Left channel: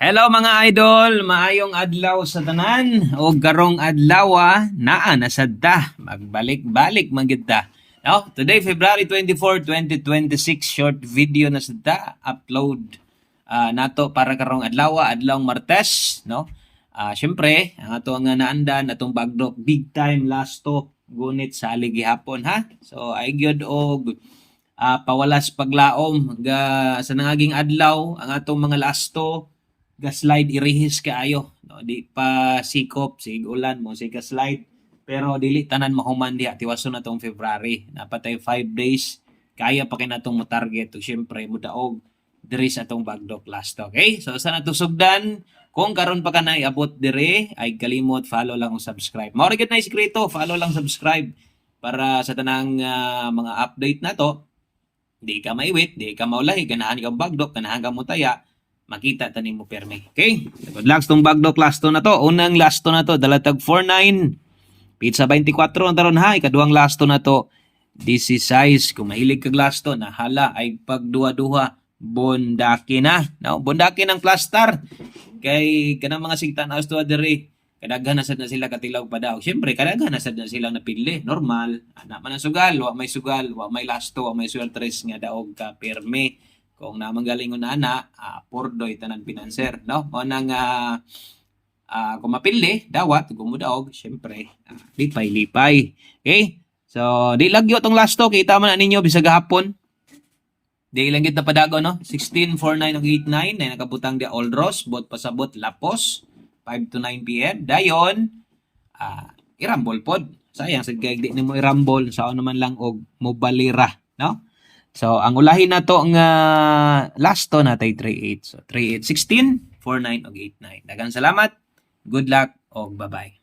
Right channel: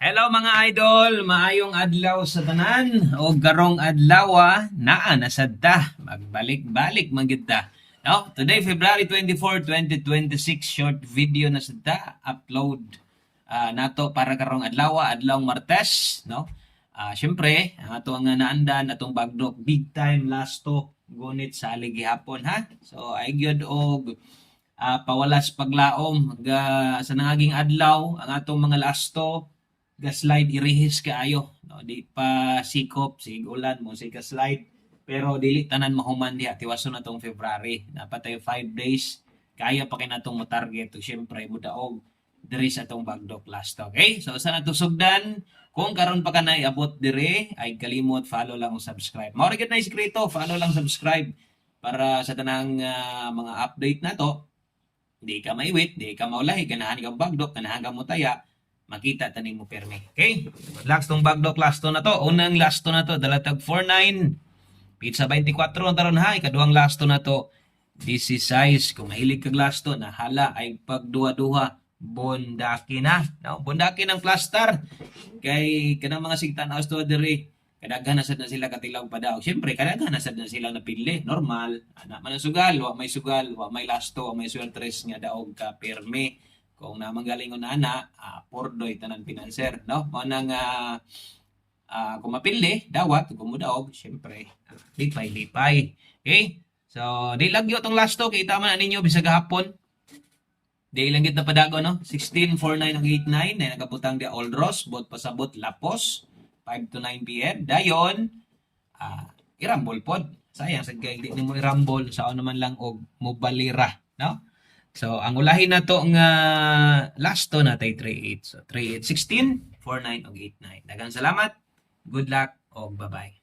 Hello mga idol, maayong adlaw sa tanan o garong adlaw naa nasadta magbalik-balik man gid ta. No, today February 24, 2026 short video na sadta upload nato para karong adlaw, adlawng Martes, no. Syempre, ato nga naandan atong bagdok big time last talk gunit sa gihapon ha. So ay gyud og pawalas paglaom sa nangaging adlaw ang atong mga lasto ga-slide irihis kaayo, no? Di pa sikop sig ulan mo sig slide pero dili tanan mahuman diha tiwason natong February napatay 5 days kaya pa kay natong mo-target ug syempre mudaog diri sa atong bagdok last. Okay, so sa natong sugdan kung karon pa ka na iabot diri ay kalimot follow lang ug subscribe. Mao ra gid na iskrito, follow lang subscribe para sa tanang mga update nato. Di ka maiwit, di ka maulahi, ganahan ka bagdok, ganahan ka mutaya, makita tanin mo perme. Okay? Good luck tong bagdok last na to. Unang last na to, dalatag 49. Pizza 24 ang taron ha. Ikaduhang last na to, 16. Kung mahilig kag last to, nahala ay pagduha-duha. Bondaki na. No? Bondaki ng plastar. Kay kanang mga sigtan as tuwa diri. Kadaghan na sad na sila katilaw pa daw. Siyempre, kadaghan na sad na sila napili. Normal. Anak man ang sugal. Wa may sugal. Wa may lasto. Wa may sweltres nga daog ka perme. Kung namang galingon na ana, pordoy tanan pinanser, no? Mo nang kung mapili, dawat, kung mudaog, syempre, lipay-lipay. Okay? So, di lagyo tong last to, kita man ninyo bisag gahapon. Di lang gid na padago, no? 16, 49, ug 89, na nakabutang di Old Ross, bot pasabot Lapos, 5 to 9 p.m. Dayon, irambol pod. Sayang, sa kaya di mo irambol, sa naman lang og mobalira, no? So, ang ulahin na to nga last to natay 38. So, 38, 16, 49, o 89. Daghang salamat. Good luck, o bye-bye.